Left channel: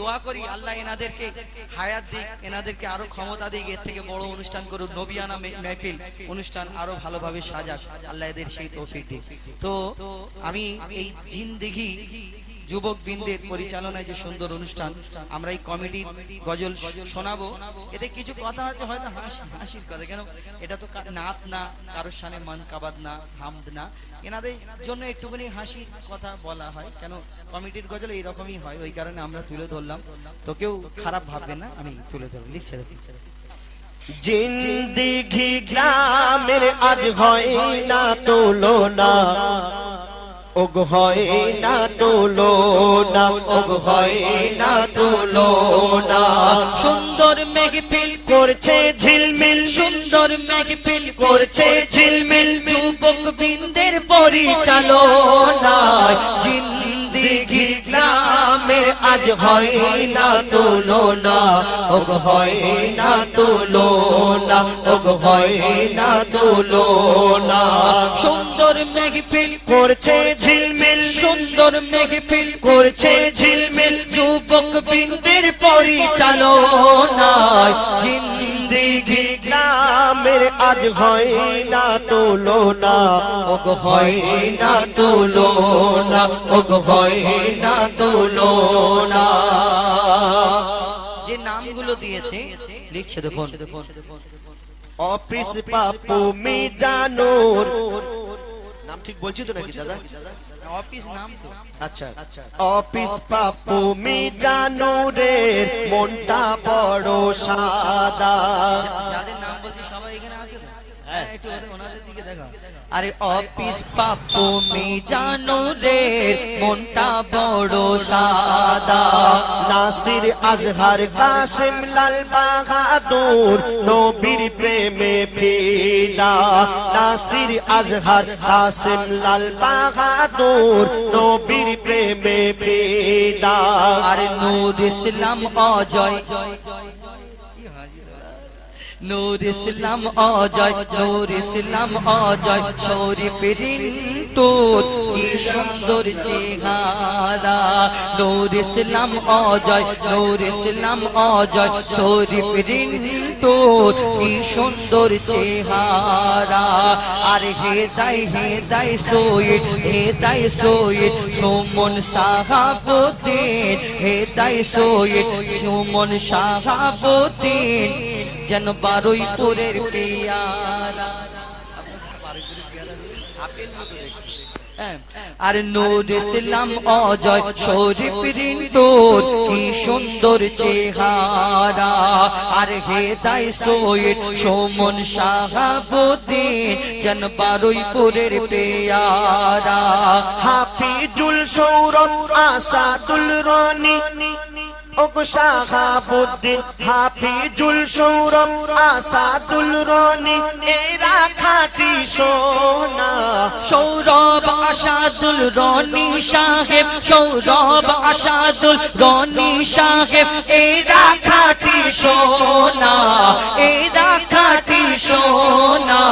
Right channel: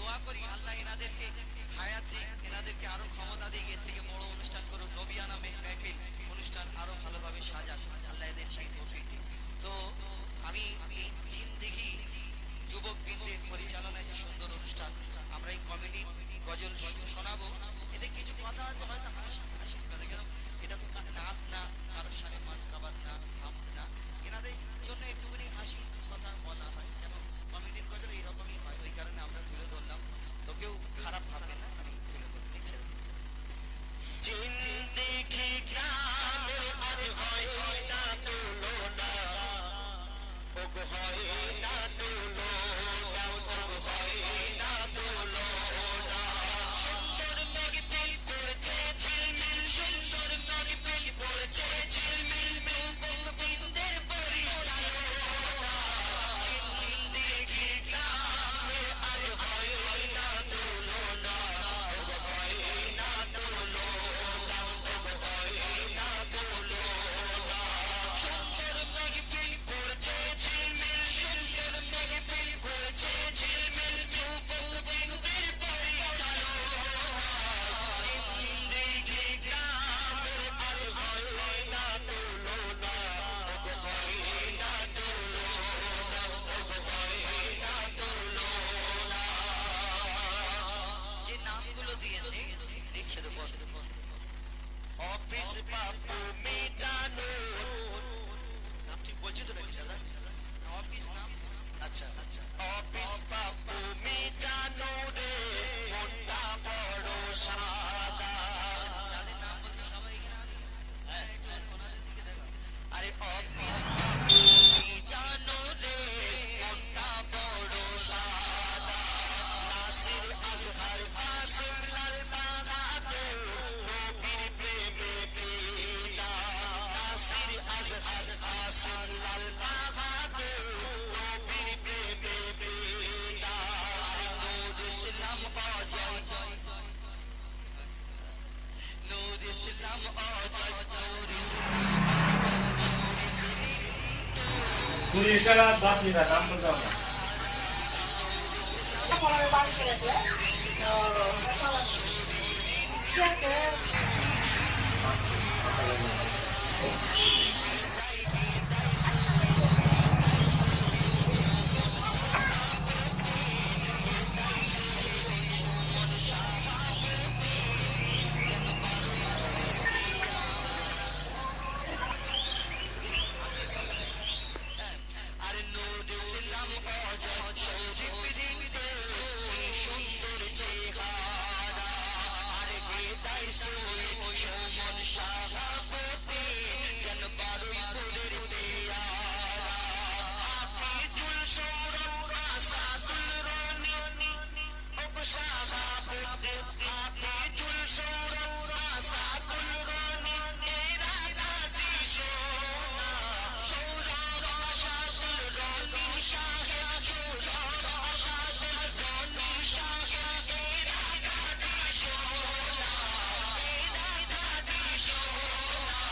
দোয়া করি আল্লাহ এনাদেরকে হায়াত দিক, এনাদেরকে আরো ক্ষমতা দিক, এর থেকে বড় অনুষ্ঠান করুন, নবিয়ানা মেহফিল অনুষ্ঠান আরো ভালোভাবে সাজাক, আল্লাহ এদের সেই তৌফিক দিক। তো আমি এই জিন্দেগি যুবক বৃন্দের পরিচালনায় যে সুন্দর অনুষ্ঠান, আমরা এই কমেডির গজল শোনাবো। এতে কিছু কথা হচ্ছে হয়তো হাসির কথা, কেন এটা তো নাত না, কারোর সামনে মান কাবাদ না, হামদ না, এনাদের জন্য একটুখানি হাসির কথা বলা হয়, কেন কমিটির গজল এইরকমই হয়, ওই কারণে আমরা তুলে ধরলাম। তো কেউ খারাপ ভাববে না, আমি তুলে ধরলাম। লিখছে জিন্দেগি গ্রামের আজ হয় না তুলনা, ওগ হয় না তুলনা, ওগ হয় না তুলনা। সুন্দর মেহফিল করছে ঝিলমিল, সুন্দর মেহফিল করছে ঝিলমিল, যুবক বৃন্দের পরিচালনায় জিন্দেগি গ্রামের আজ হয় না তুলনা, ওগ হয় না তুলনা, ওগ হয় না তুলনা। সুন্দর মেহফিল করছে ঝিলমিল, সুন্দর মেহফিল করছে ঝিলমিল, যুবক বৃন্দের পরিচালনায় জিন্দেগি গ্রামের আজ হয় না তুলনা, ওগ হয় না তুলনা, ওগ হয় না তুলনা। যে নামগুলো দিয়েছে লিখছে দেখুন, অফিস পাপু মিজানুর, নাম ঠিক বলছি তো নাকি দাদা? অফিস নাম তো আচ্ছা, অফিস পাপু মিজানুরের মনটা বড় সাদা। যাদের নাম বলছি সবাই এখানে আছে তো? হ্যাঁ, একটু ওনাদের দিকে দেখাও। আরে অফিস পাপু মিজানুরের মনটা বড় সাদা, নাসির আজহার কাসিম লাল বাহাদুর নবীর প্রেমে ফিদা। নাসির আজহার কাসিম লাল বাহাদুর নবীর প্রেমে ফিদা। আরে নূর ইসলাম অজয়, নূর ইসলাম অজয়, নূর ইসলাম অজয়, শরীফ রিন্টুর কি সুন্দর চেহারা। নূর ইসলাম অজয়, নূর ইসলাম অজয়, শরীফ রিন্টুর কি সুন্দর চেহারা। আর হেদাই সৈয়দ, হেদাই সৈয়দ সুমন সাহাবুদ্দিন, হেদাই সৈয়দ সুমন সাহাবুদ্দিন যেন বারুইপুরের পেয়ারা। আর নূর ইসলাম অজয়, শরীফ রিন্টুর কি সুন্দর চেহারা। আর হেদাই সৈয়দ সুমন সাহাবুদ্দিন যেন বারুইপুরের পেয়ারা। হাফিজুল সৌরভ আসাদুল রনি, ওগো শাহাবুদ্দিন হাফিজুল সৌরভ আসাদুল রনি, এরা খাঁটি সোনা। সৌরভ আসাদুল রনি সাহেব, সৌরভ আসাদুল রনি সাহেব এরা খাঁটি সোনা, এরা খাঁটি সোনা।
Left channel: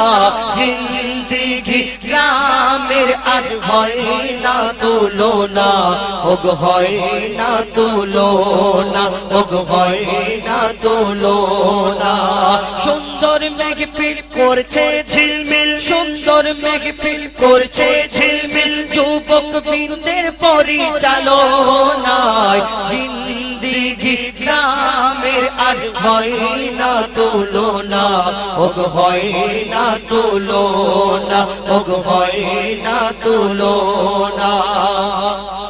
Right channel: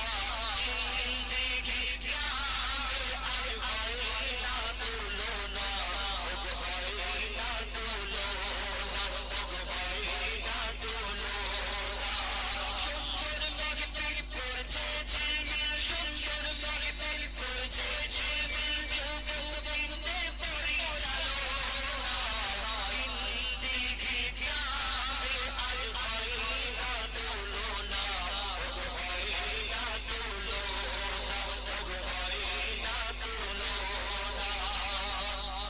জিন্দেগি গ্রামের আজ হয় না তুলনা, ওগ হয় না তুলনা, ওগ হয় না তুলনা। সুন্দর মেঘপিল করছে ঝিলমিল, সুন্দর মেঘপিল করছে ঝিলমিল, যুবক বৃন্দের পরিচালনায় জিন্দেগি গ্রামের আজ হয় না তুলনা, ওগ হয় না তুলনা, ওগ হয় না তুলনা।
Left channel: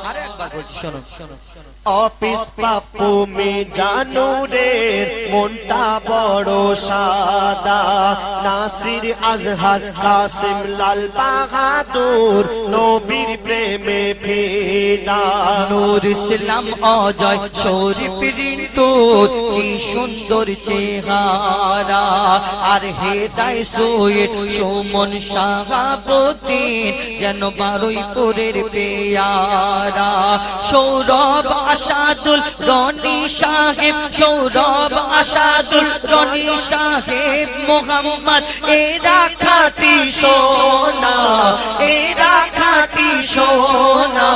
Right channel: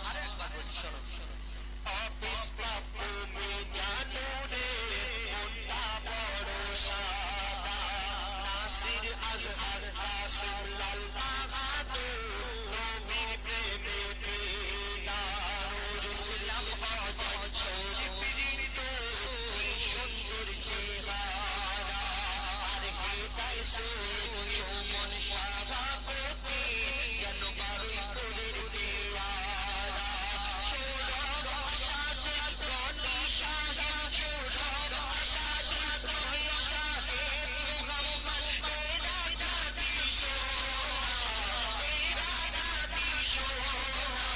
আরে একবার বলছি শোনো, শোনো। অফিস পাপু মিজানুরের মনটা বড় সাদা। নাসির আজহার কাসিম লাল বাহাদুর নবীর প্রেমে ফিদা। নূর ইসলাম অজয়, শরীফ রিন্টুর কি সুন্দর চেহারা। আর হেদাই সৈয়দ সুমন সাহাবুদ্দিন যেন বারুইপুরের পেয়ারা। সৌরভ আসাদুল রনি সাহেব, সৌরভ আসাদুল রনি সাহেব মোহাম্মদ এরা খাঁটি সোনা, এরা খাঁটি সোনা।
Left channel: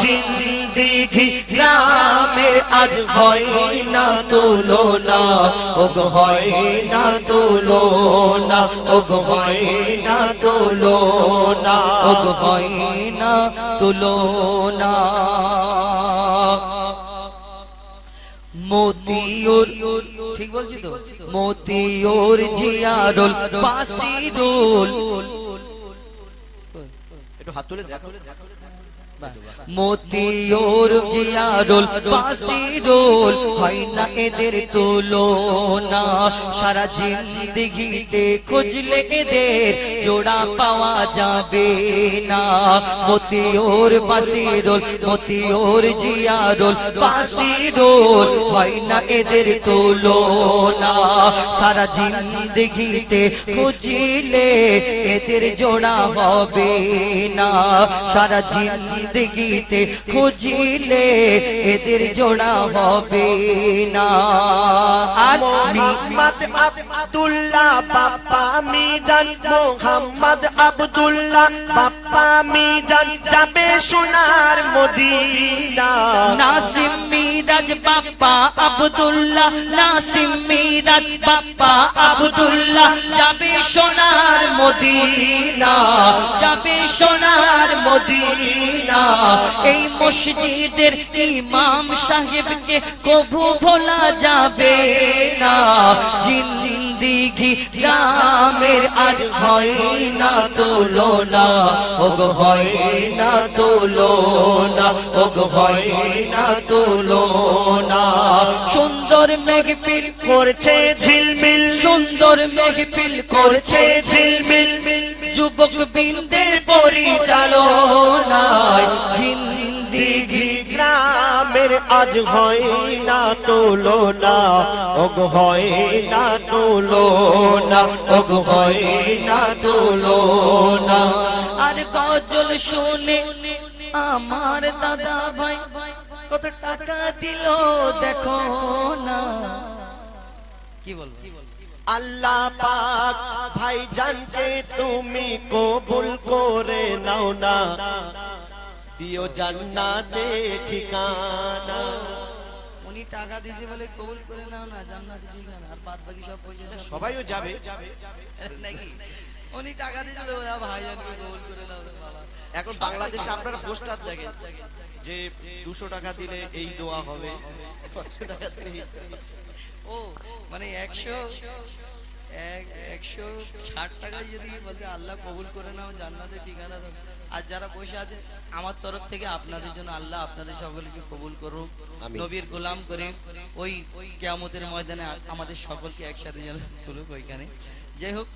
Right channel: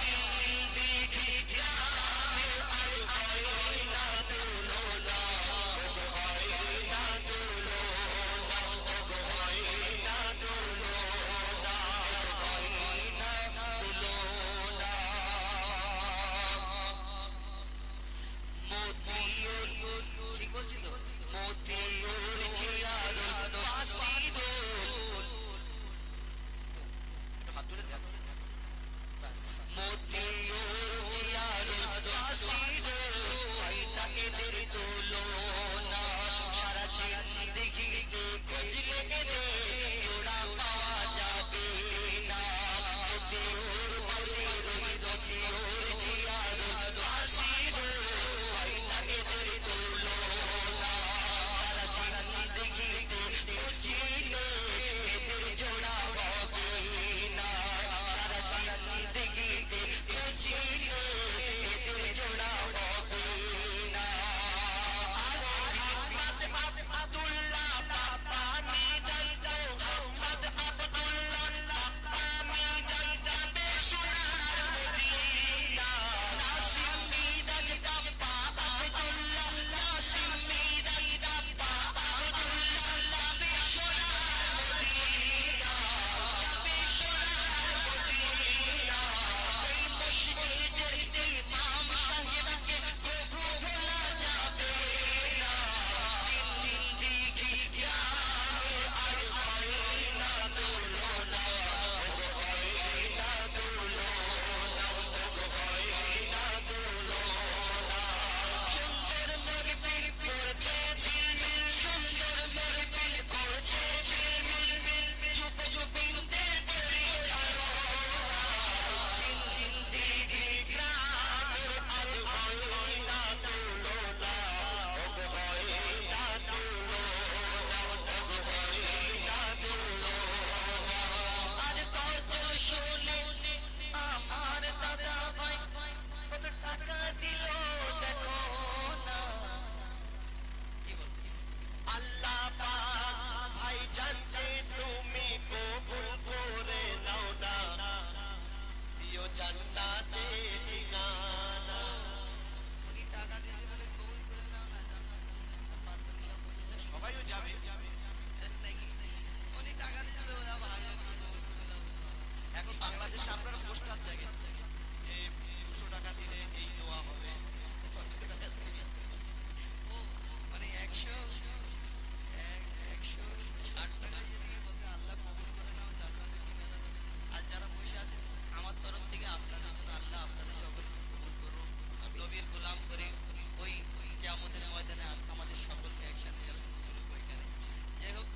জিন্দেগি গ্রামের আজ হয় না তুলনা, ওগো হয় না তুলনা, ওগো হয় না তুলনা, ওগো হয় না তুলনা। মতিউর, ঠিক বলছি তো? মতিউর জিয়ারুল বাসিরুল, একটু হাত তুলে দেখো। মতিউর জিয়ারুল বাসিরুল, হয় না এদের তুলনা। সারা জিন্দেগিতে খুঁজলে এদের জোড়া পাওয়া যাবে না। মতিউর বাসিরুল, মতিউর জিয়ারুল বাসিরুল, হয় না এদের তুলনা। সারা জিন্দেগিতে খুঁজলে এদের জোড়া হবে না। সারা জিন্দেগিতে খুঁজলে এদের জোড়া হবে না। আর মোহাম্মদ আব্দুল্লাহ বাপ্পা মিজান, মোহাম্মদ আব্দুল্লাহ বাপ্পা মিজান যাবে সোনার মদিনা। নাসিম মিরাজ বাপ্পা আব্দুল্লাহ, নাসিম মিরাজ বাপ্পা আব্দুল্লাহ যাবে সোনার মদিনা, যাবে সোনার মদিনা। এই মসজিদের ইমাম সাহেবকে কভু ভোলা যাবে না। জিন্দেগি গ্রামের আজ হয় না তুলনা, ওগো হয় না তুলনা, ওগো হয় না তুলনা। সুন্দর মেঘপিল করছে ঝিলমিল, সুন্দর মেঘপিল করছে ঝিলমিল, যুবক বৃন্দের পরিচালনায়। জিন্দেগি গ্রামের আজ হয় না তুলনা, ওগো হয় না তুলনা, ওগো হয় না তুলনা। আর গজল শুনে আমার দাদা ভাই কত টাকা দিল দেখো না। কি বলবো? আল্লাহ পাক ভাইজানকে তুমি কবুল করে নাও না, দিও জান্নাতে ঠিকানা। উনি টাকা দিয়েছে বলে কবুল করে নাও না, জান্নাতে ঠিকানা। আর বাদ বাকি সব পয়সা সবাইও যাবে নাকি? উনি টাকা দিয়েছিল ওরা ভাইজানকে কবুল করে নাও। এখন বাংলাদেশে আপনারা পোস্টার দেখেন যে 200 টাকা দিলে এই দোয়া হবে, 500 টাকা দিলে। ও মানে 160 টাকায় যদি বলতে আল্লাহ কবুল করে নাও, জান্নাতে ঠিকানা দাও। আর যারা বসে আছে, আমার তরফ থেকে আপনাদের জন্য আল্লাহ আপনাদের সকলকে কবুল করুক, নবীর গোলাম করে ওই কিয়ামতের ময়দানে আমাদের সকলকে একসাথে যেন তুলুক ওইখানে। যাই হোক।